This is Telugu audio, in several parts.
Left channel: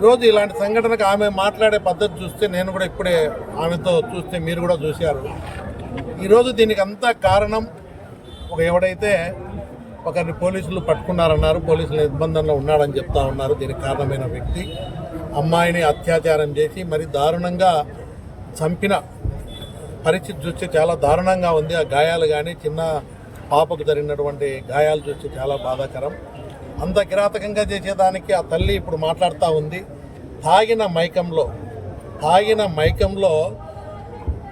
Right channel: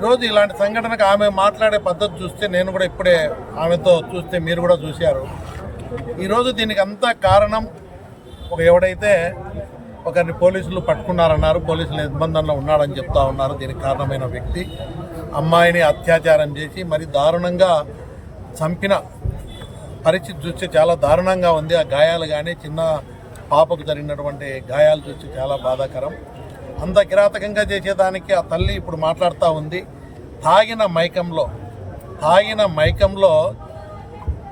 ఈరోజు ఇలాంటి సంఘటనకు ఆమె మాట్లాడే పద్ధతి చూస్తే నేను కూడా ఇప్పుడే ఆమెతో చూస్తే మీరు కూడా చూశారు. ఈరోజు దీనికి అంతా కారణం ఒక ఎవడైతే ఒకరిని పోలీసులు పట్టుకున్నారన్నారు పోలీసుల నిర్బంధంలో ఉన్నాడని చెప్తా ఉన్నారు. దీనికి కారణమైన వ్యక్తి అమ్మాయిని అత్యాచారం చేసి మరి దారుణంగా చంపిన పరిస్థితి చూస్తే చాలా దారుణంగా ఉంది. ఆ గాయాలు కానీ చిన్న పాపకు జరిగినటువంటి గాయాలు చూస్తే చాలా బాధాకరం. అంత కిరాతకంగా చేసేదానికి ఆ తల్లి ఇప్పుడు మాట్లాడుతూ ఉంది. తాగిన మైకంలో తాగిన మైకంలో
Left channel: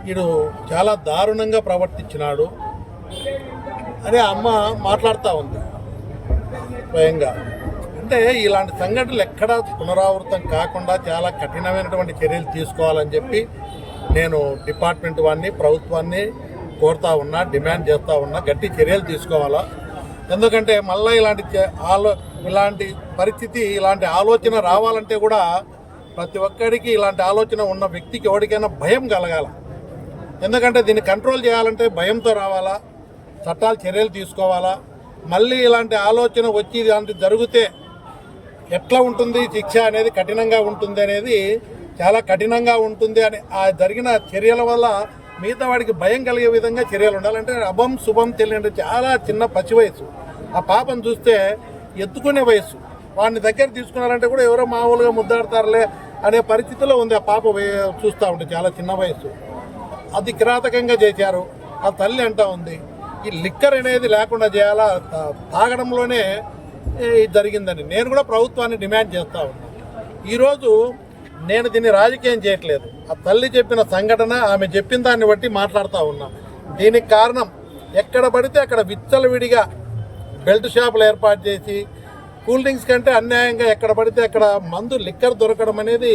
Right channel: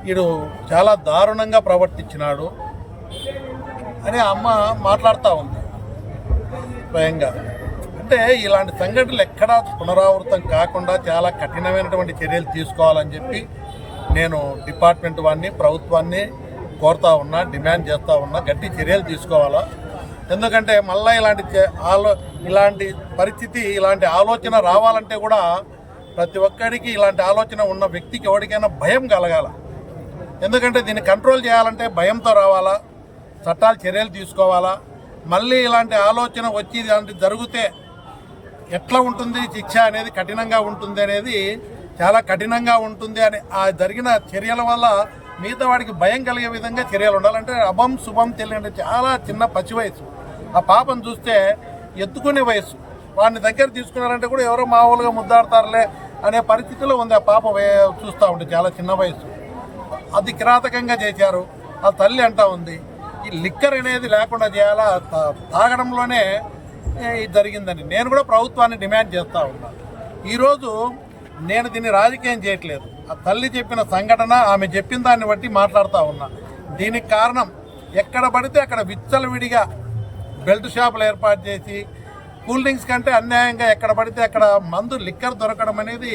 వీడు చాలా దారుణంగా ప్రవర్తించినాడు. అని అమ్మ మాట్లాడుతూ ఉంది స్వయంగా. అంటే ఇలాంటి సంఘటనలు ఎక్కడా పునరావృతం కాకుండా చాలా కఠినమైనటువంటి చర్యలు తీసుకోవాలని చెప్పి నేను డిపార్ట్మెంట్ వాడిని ప్రభుత్వాన్ని కోరుతా ఉన్నా డిమాండ్ చేస్తూ ఉన్నా గట్టి చర్యలు తీసుకోవాలా? ఎందుకంటే మళ్ళీ ఇలాంటి ఆలో ఇలాంటి పరిస్థితి ఇలాంటి ఆలోచన రావాలంటే కూడా ప్రతి ఒక్కడికి ఇలాంటి ఆలోచన ఉన్న వ్యక్తికి ఎవరికైనా భయం కలగాల. ఎందుకంటే దీన్ని కంట్రోల్ చేయాలంటే భయంతో రావాలా చట్టాలు చర్యలు తీసుకోవాలా. మళ్ళీ ఇలాంటి ఆలోచన వచ్చి ఇలాంటి జరిగితే ఎట్లా ఉంటుంది శిక్ష అనేది కఠినంగా ఉంటుంది అనేది చాలా కఠినంగా ఉంటుంది అని ఆ జరిగిన చర్యల వల్ల మిగతా వాడికి భయం కలిగే విధంగా చర్యలు ఉండాలంటే అభం శుభం తెలియని చాలా చిన్న పచ్చి వయసు ఆ పాపను చూస్తే ఎత్తుకునే వయసు వాడిని దగ్గర తీసుకున్నారంటే కూడా ఎవరో మామూలుగా ముద్దాడతారులే అనే పరిస్థితిలో ఉంది ఆ పాప చూస్తూ ఉంటుంది చాలా చిన్న వయసు అది కిరాతకంగా చేశారు. ఆ తల్లి అంటా ఉంది ఈ లిక్కర్ అనేది లేకుండా చేయాలా? తా- తాగడంలోనే ఇది జరిగిందని. నేను కూడా ప్రభుత్వాన్ని డిమాండ్ చేస్తూ ఉన్నాను ఈరోజు నేను దీన్ని రాజకీయం చేయట్లేదు. ఆ తల్లి చెప్పిన సంఘటన ఆమె చెప్పిన దాన్ని బట్టి మాట్లాడుతూ ఉన్నా. దీనికి కారణం ఎక్కడ పడితే అక్కడ విచ్చలవిడిగా బెల్ట్ షాపులు ఏర్పాటు చేసి కూల్ డ్రింక్స్ కంటే అన్యాయంగా ఎక్కడ పడితే అక్కడ మందు లిక్కర్ దొరకడం అనేది